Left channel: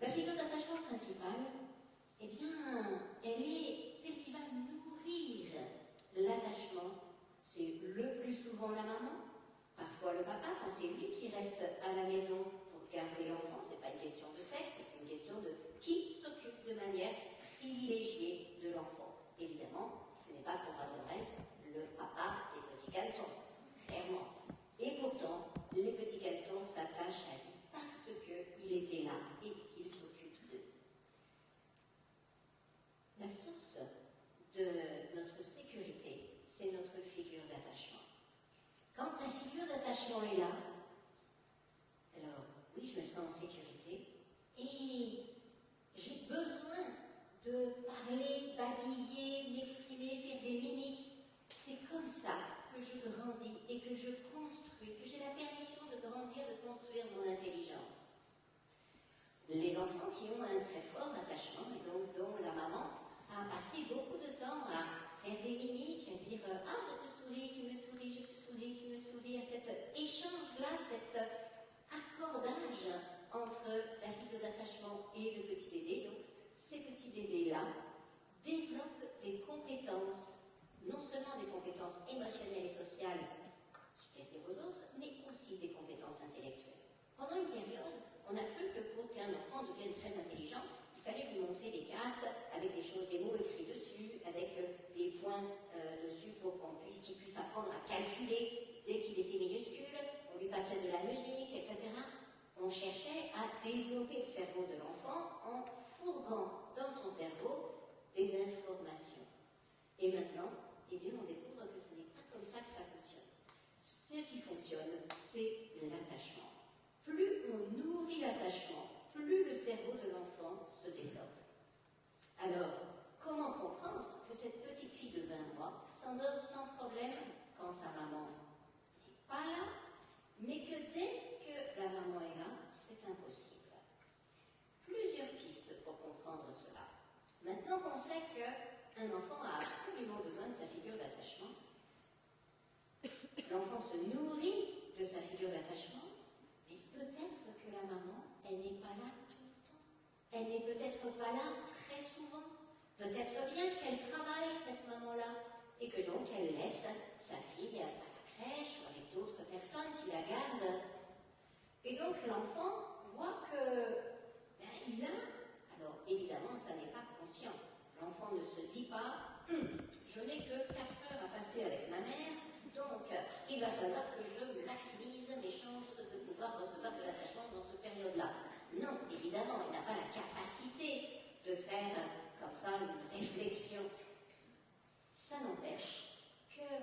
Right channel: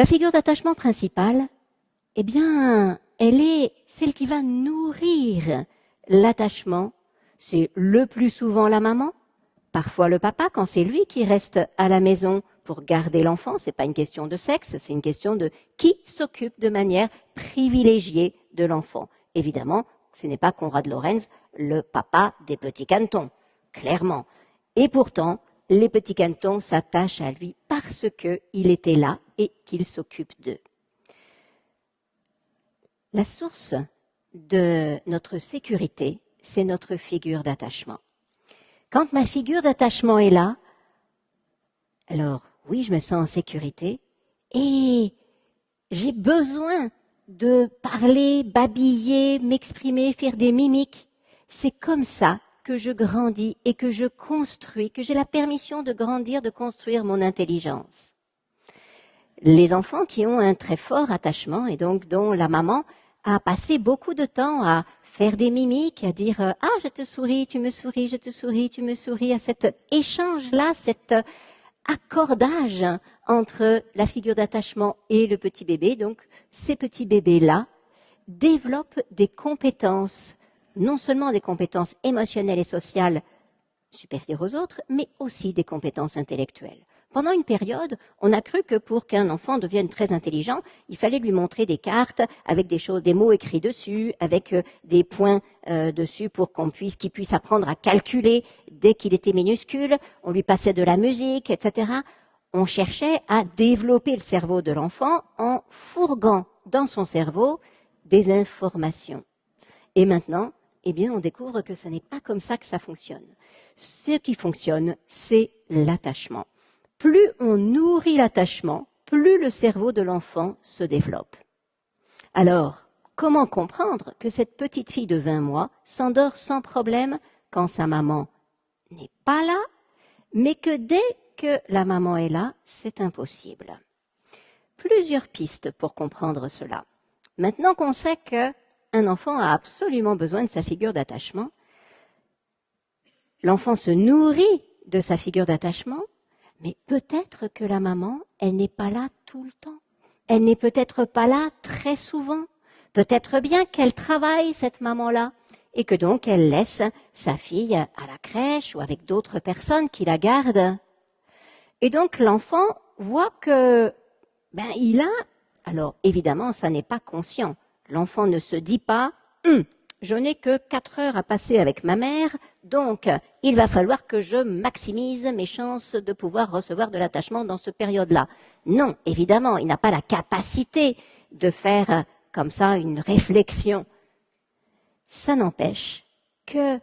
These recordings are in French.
La figure d'attachement principale, eh bien, elle est celle qui va nourrir l'attachement. C'est le plus souvent la maman, parfois le papa, quand c'est lui qui reste à la maison pour garder l'enfant. Ce n'est pas une question de sexe, c'est une question de qui s'occupe de manière privilégiée de l'enfant. Évidemment, ce n'est pas Konrad Lorenz, le papa des petits cantons, clairement. Et pourtant, les petits cantons s'attachent à lui parce qu'il était là et qu'il s'occupe d'eux. La source de notre sécurité, c'est notre figure d'attachement. Quand ma figure d'attachement est là, alors oui, je me sens en sécurité et j'ai besoin de parler, babiller, m'exprimer, faire des mimiques. C'est comme ça que je grandis et que je construis, que j'ai la permission de grandir, de construire mon intelligence. Les enfants qui ont un très fort attachement et donc dont la maman a passé beaucoup de temps à faire des mimiques, à dire « Ah, je te souris, tu me souris, je te souris, tu me souris », à cet échange-là, cet accordage entre la figure d'attachement et le petit bébé. Donc, ces petits bébés-là développent des compétences, non seulement des compétences émotionnelles et sociales supérieures aux autres, mais aussi des compétences intellectuelles. Pendant une période, on a cru que pour qu'un enfant devienne très intelligent, il fallait lui montrer des cartes avec des choses, des mots écrits dessus, avec des points dessus pour qu'il puisse apprendre à calculer dès qu'il était minuscule. On lui passait de la musique, etc. On cherchait à développer le cerveau de l'enfant en fourguant dans son cerveau des informations. Et maintenant, eh bien, on découvre que ce n'est pas comme ça que ça fonctionne. Ce qui fonctionne, c'est l'attachement. Plus on nourrit l'attachement, plus le cerveau de l'enfant se développe. Alors, comment comprendre que cette petite fille de 20 mois s'endort sans problème quand sa maman n'est pas là, mais que dès que la maman est là, c'est impossible? Plusieurs pistes pour comprendre cela. Maintenant qu'on sait qu'un enfant a absolument besoin de sa figure d'attachement, l'enfant se nourrit de sa figure d'attachement, mais peut-être que la maman, elle n'est pas là tout le temps. Elle n'est peut-être pas là très souvent. Peut-être bien qu'elle travaille, cette maman-là, et que donc elle laisse sa fille à la crèche ou avec d'autres personnes qui la gardent. Et donc l'enfant voit que, il a... Alors évidemment, ça n'est pas conscient. L'enfant ne se dit pas « je n'ai que 4 heures à passer avec ma mère », donc, il va falloir que je maximise mes chances de pouvoir recevoir de l'attachement dans cette période-là. Non, évidemment, il n'a pas la capacité de faire comme ça une réflexion. Ça n'empêche que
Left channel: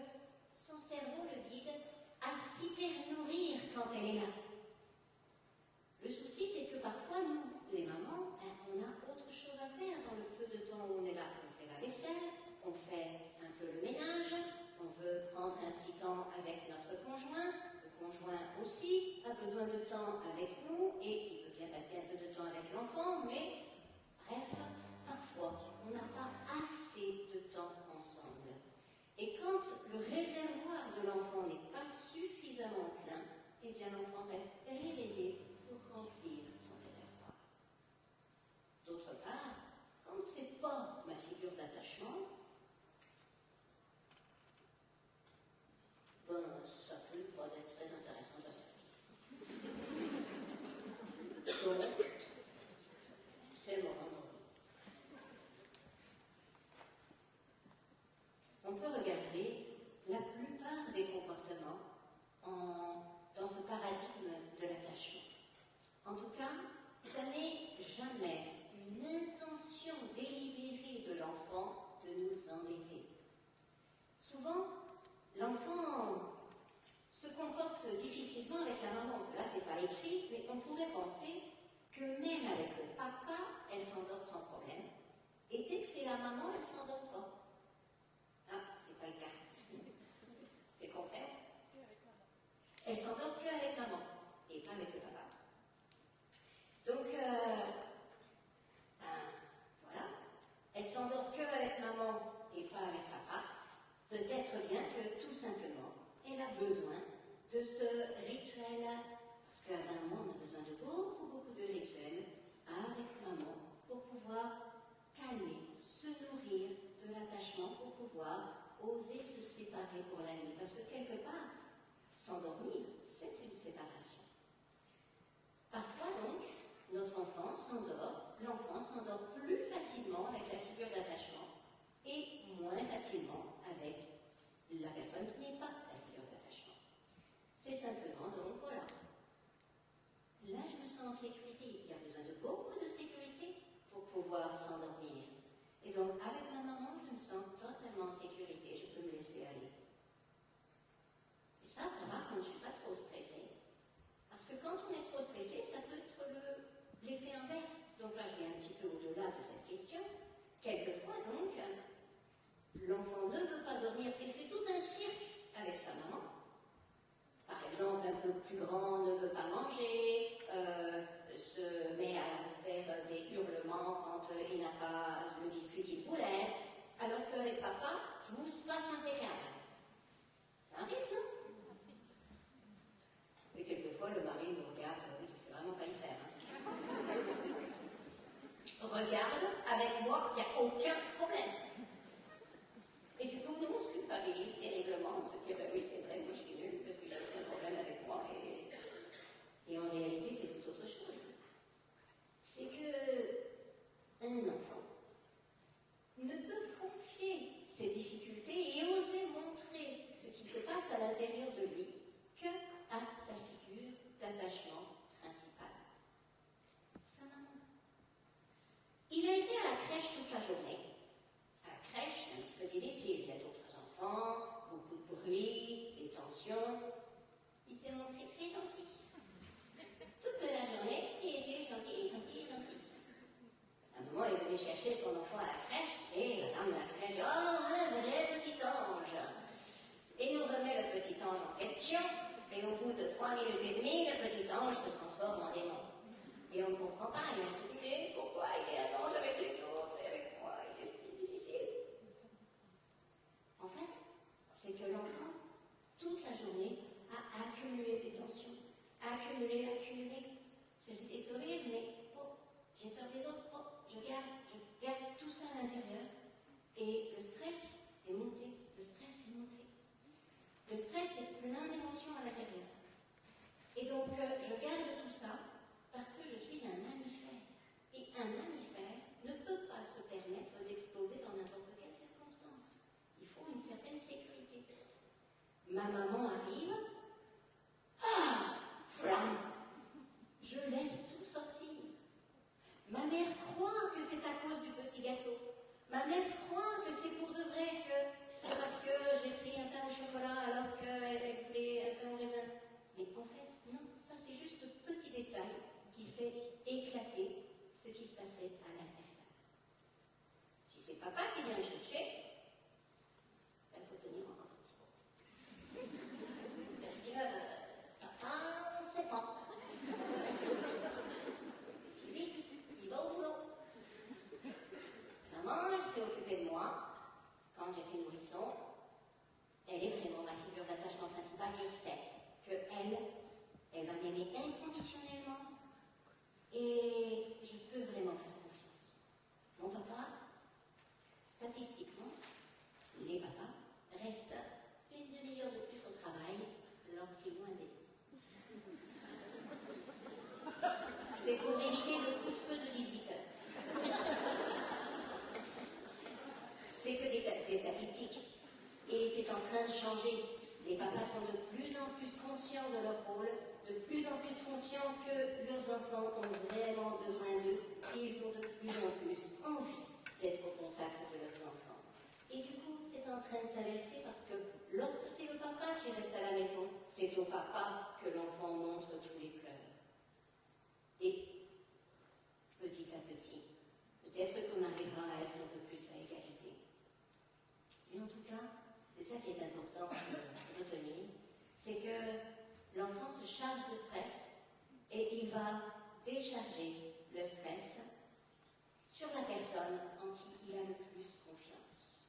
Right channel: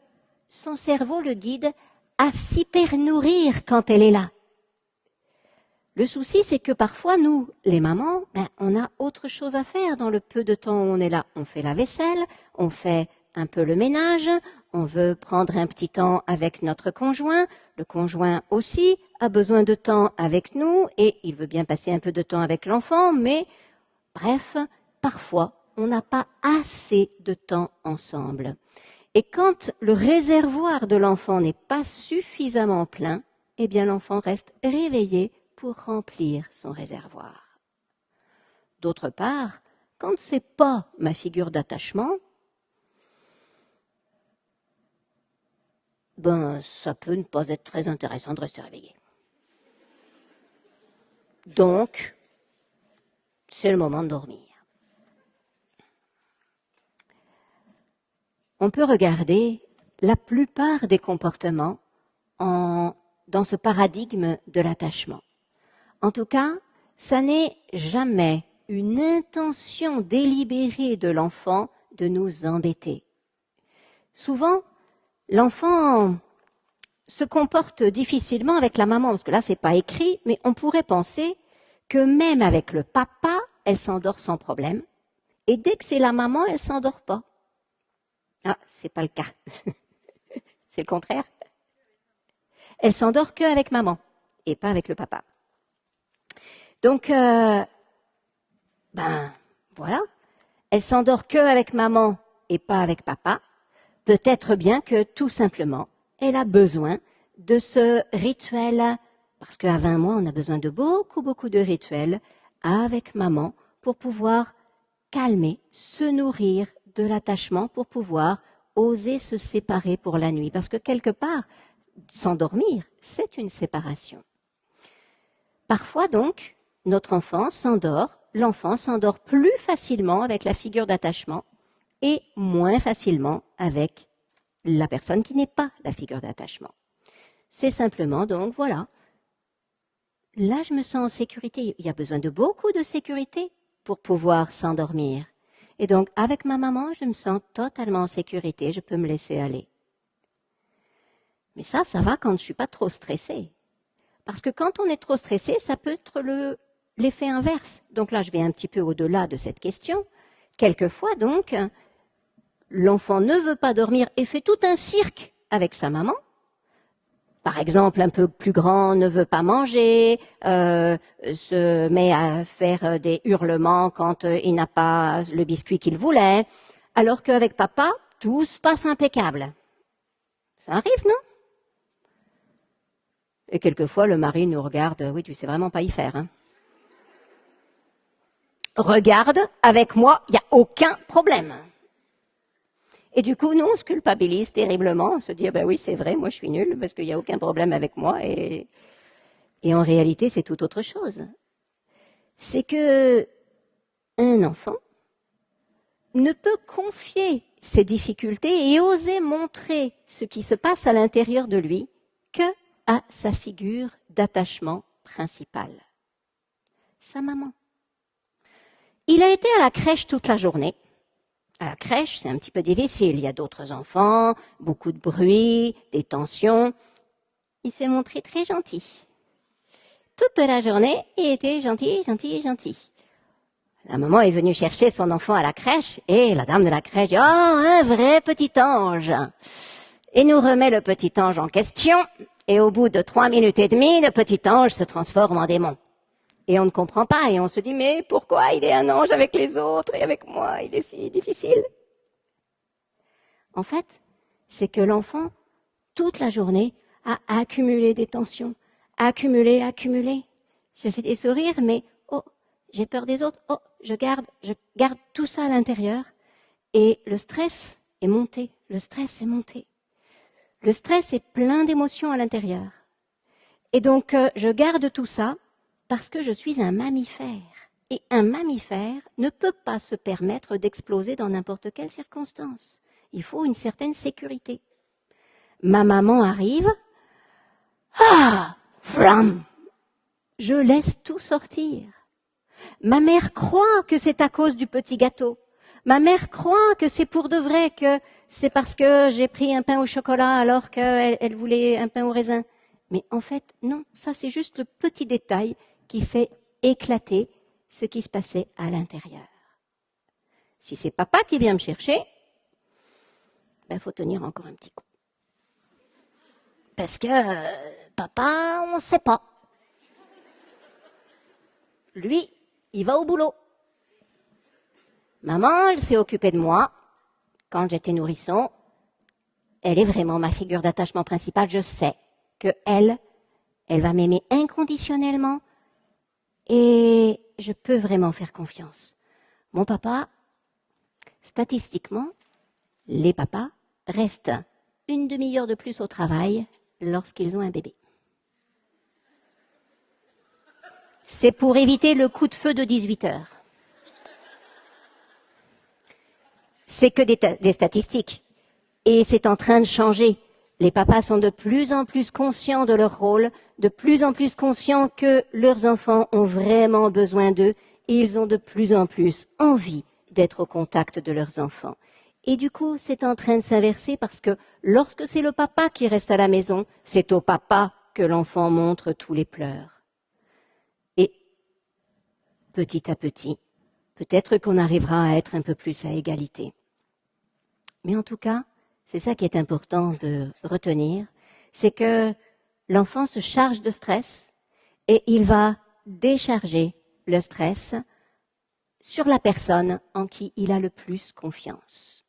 son cerveau le guide à s'hyper-nourrir quand elle est là. Le souci, c'est que parfois, nous, les mamans, on a autre chose à faire dans le peu de temps où on est là. On fait la vaisselle, on fait un peu le ménage, on veut prendre un petit temps avec notre conjoint, le conjoint aussi a besoin de temps avec nous et il veut bien passer un peu de temps avec l'enfant, mais bref, parfois, on n'a pas assez de temps ensemble. Et quand le réservoir de l'enfant n'est pas suffisamment plein, eh bien l'enfant reste réveillé pour remplir son réservoir. D'autre part, quand ce n'est pas ma figure d'attachement, ça peut ne pas être très intéressant de rester réveillé. Donc, c'est le moment de dormir. On peut regarder la plupart des comportements dans ce paradigme de l'attachement. En tout cas, ça n'est jamais une intention délibérée de l'enfant de nous embêter. Souvent, l'enfant se comporte difficilement avec la maman, parce que là, ce n'est pas écrit, mais on pourrait penser que même avec le papa, elle s'endort sans problème, et dès que c'est la maman, elle ne s'endort pas. Ah, ce n'est pas le cas. C'est le contraire. Elle s'endort qu'avec maman, et pas avec le papa. Donc, voilà, elle s'endort qu'avec maman et pas avec papa. Peut-être bien que tout simplement, elle a besoin de ce rituel, parce qu'à 20 mois, on a besoin de beaucoup de rituels avec maman pour pouvoir calmer, se nourrir de l'attachement, pour pouvoir oser se séparer pour la nuit. Parce que quelque part, s'endormir, c'est une séparation. Parfois donc, notre enfant s'endort, l'enfant s'endort plus facilement avec la figure d'attachement et moins facilement avec la personne qui n'est pas la figure d'attachement. C'est simplement donc, voilà, là je me sens en sécurité. Il y a besoin de beaucoup de sécurité pour pouvoir s'endormir. Et donc, avec ma maman, je me sens totalement en sécurité, je peux me laisser aller. Mais ça va quand je ne suis pas trop stressée. Parce que quand on est trop stressé, ça peut être l'effet inverse. Donc là, je vais un petit peu au-delà de cette question. Quelquefois, donc, l'enfant ne veut pas dormir et fait tout un cirque avec sa maman. Par exemple, un peu plus grand ne veut pas manger, se met à faire des hurlements quand il n'a pas le biscuit qu'il voulait, alors qu'avec papa, tout se passe impeccable. Ça arrive, non? Et quelquefois, le mari nous regarde, oui, tu sais vraiment pas y faire. Hein. Regarde, avec moi, il n'y a aucun problème. Et du coup, nous, on se culpabilise terriblement, on se dit, ben oui, c'est vrai, moi je suis nulle parce qu'il n'y a aucun problème avec moi. Et en réalité, c'est tout autre chose. C'est que un enfant ne peut confier ses difficultés et oser montrer ce qui se passe à l'intérieur de lui que à sa figure d'attachement principale, sa maman. Il a été à la crèche toute la journée. À la crèche, c'est un petit peu difficile. Il y a d'autres enfants, beaucoup de bruit, des tensions. Il s'est montré très gentil. Toute la journée, il était gentil, gentil, gentil. La maman est venue chercher son enfant à la crèche et la dame de la crèche dit « Oh, un vrai petit ange !» Et nous remet le petit ange en question. Et au bout de 3 minutes et demie, le petit ange se transforme en démon. Et on ne comprend pas, et on se dit, mais pourquoi il est un ange avec les autres et avec moi, il est si difficile? En fait, c'est que l'enfant, toute la journée, a accumulé des tensions, accumulé. Je fais des sourires, mais oh, j'ai peur des autres, oh, je garde tout ça à l'intérieur. Et le stress est monté, le stress est plein d'émotions à l'intérieur. Et donc, je garde tout ça, parce que je suis un mammifère. Et un mammifère ne peut pas se permettre d'exploser dans n'importe quelle circonstance. Il faut une certaine sécurité. Ma maman arrive. Ah, flam! Je laisse tout sortir. Ma mère croit que c'est à cause du petit gâteau. Ma mère croit que c'est pour de vrai, que c'est parce que j'ai pris un pain au chocolat alors qu'elle voulait un pain au raisin. Mais en fait, non, ça c'est juste le petit détail qui fait éclater ce qui se passait à l'intérieur. Si c'est papa qui vient me chercher, ben faut tenir encore un petit coup. Parce que papa, on ne sait pas. Lui, il va au boulot. Maman, elle s'est occupée de moi quand j'étais nourrisson. Elle est vraiment ma figure d'attachement principale. Je sais qu'elle va m'aimer inconditionnellement. Et je peux vraiment faire confiance. Mon papa, statistiquement, les papas restent une demi-heure de plus au travail lorsqu'ils ont un bébé. C'est pour éviter le coup de feu de 18 heures. C'est que des statistiques. Et c'est en train de changer. Les papas sont de plus en plus conscients de leur rôle, de plus en plus conscients que leurs enfants ont vraiment besoin d'eux et ils ont de plus en plus envie d'être au contact de leurs enfants. Et du coup, c'est en train de s'inverser parce que lorsque c'est le papa qui reste à la maison, c'est au papa que l'enfant montre tous les pleurs. Et petit à petit, peut-être qu'on arrivera à être un peu plus à égalité. Mais en tout cas, c'est ça qui est important de retenir, c'est que l'enfant se charge de stress et il va décharger le stress sur la personne en qui il a le plus confiance.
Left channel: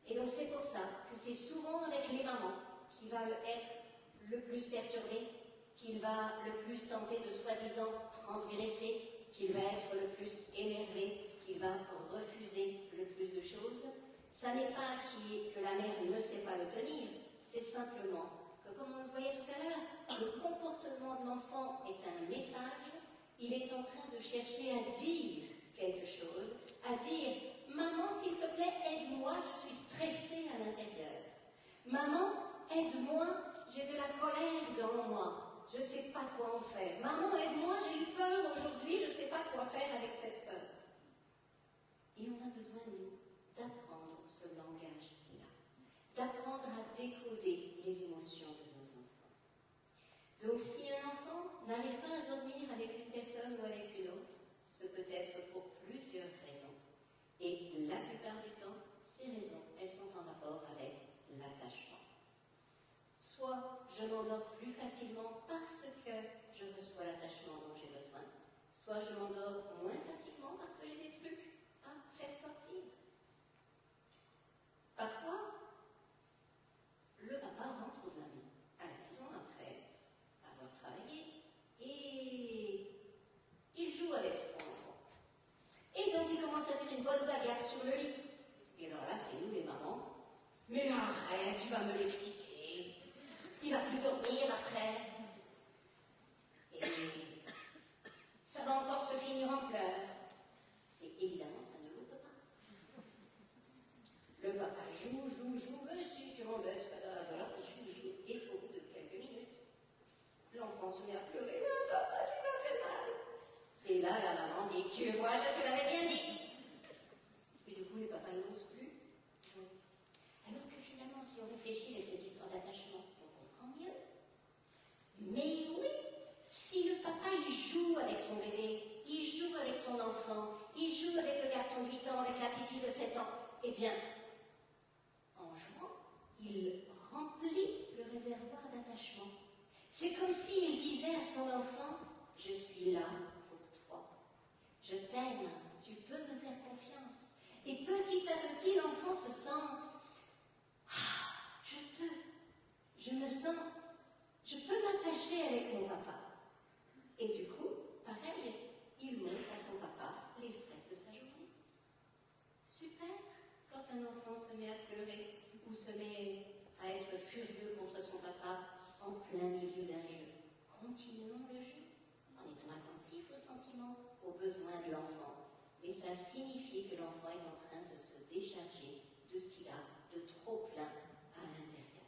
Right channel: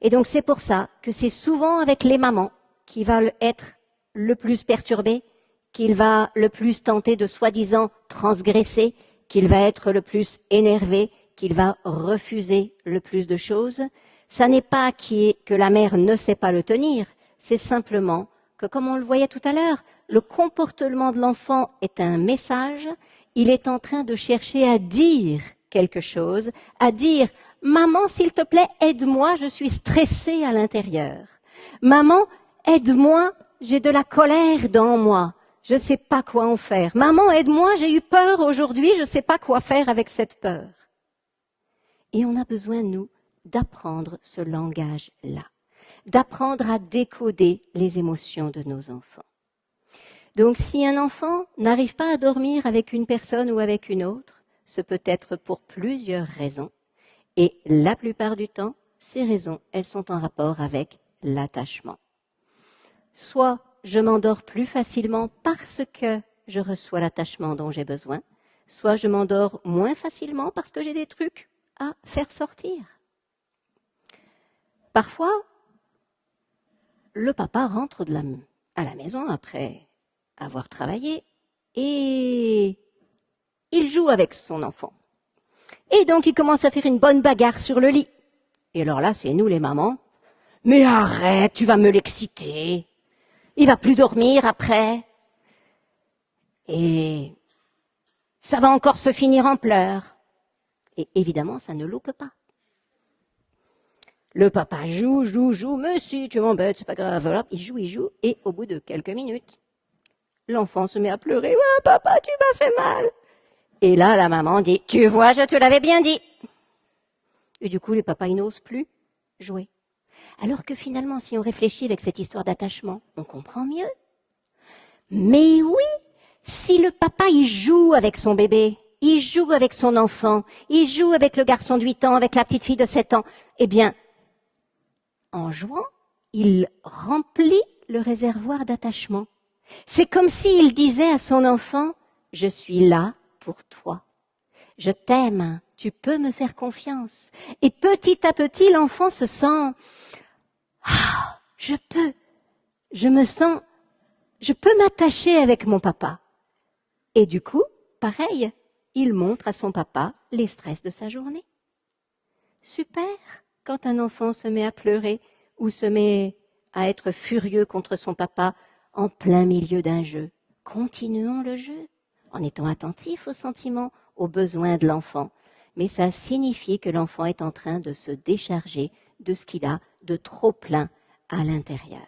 Et donc c'est pour ça que c'est souvent avec les mamans qu'il va être le plus perturbé, qu'il va le plus tenter de soi-disant transgresser, qu'il va être le plus énervé, qu'il va refuser le plus de choses. Ça n'est pas que la mère ne sait pas le tenir, c'est simplement que, comme on le voyait tout à l'heure, le comportement de l'enfant est un message, il est en train de chercher à dire quelque chose, à dire « Maman, s'il te plaît, aide-moi, je suis stressée à l'intérieur. Maman, aide-moi, j'ai de la colère dans moi, je ne sais pas quoi en faire. Maman, aide-moi, j'ai eu peur aujourd'hui, je ne sais pas quoi faire avec cette peur. » Et on a besoin, nous, d'apprendre ce langage-là, d'apprendre à décoder les émotions de nos enfants. Donc, si un enfant n'arrive pas à dormir avec une personne ou avec une autre, ce peut être pour plusieurs raisons. Et la plupart du temps, ces raisons, elles sont en rapport avec l'attachement. Soit je m'endors plus facilement parce que je reçois l'attachement dont j'ai besoin, soit je m'endors moins facilement parce que j'ai des trucs à faire sortir. Parfois, le papa rentre à la maison après avoir travaillé et il joue avec son enfant. Et donc, il commence à faire une bonne bagarre sur le lit. Et alors là, c'est nous les mamans. « Mais arrête, tu vas me l'exciter. Il va plus dormir après. Et ça va encore se finir en pleurs. » Et évidemment, ça ne loupe pas. Le papa joue, « Mais si, tu m'embêtes, c'est pas grave. » Voilà, il joue, et au bout de quelques minutes, l'enfant se met à pleurer. « Ouais, papa, tu m'as fait mal. » Et là, la maman dit, « Tu vois, je te l'avais bien dit. » Et du coup, les papas, ils n'osent plus jouer. Alors que finalement, si on réfléchit avec cette histoire d'attachement, on comprend mieux. Mais oui, si le papa, il joue avec son bébé, il joue avec son enfant, il joue avec le garçon de 8 ans, avec la petite fille de 7 ans, eh bien, en jouant, il remplit le réservoir d'attachement. C'est comme s'il disait à son enfant, « Je suis là pour toi. Je t'aime, tu peux me faire confiance. » Et petit à petit, l'enfant se sent « Ah, je peux m'attacher avec mon papa. » Et du coup, pareil, il montre à son papa les stress de sa journée. Super quand un enfant se met à pleurer ou se met à être furieux contre son papa en plein milieu d'un jeu. Continuons le jeu en étant attentifs aux sentiments, aux besoins de l'enfant. Mais ça signifie que l'enfant est en train de se décharger de ce qu'il a de trop plein à l'intérieur.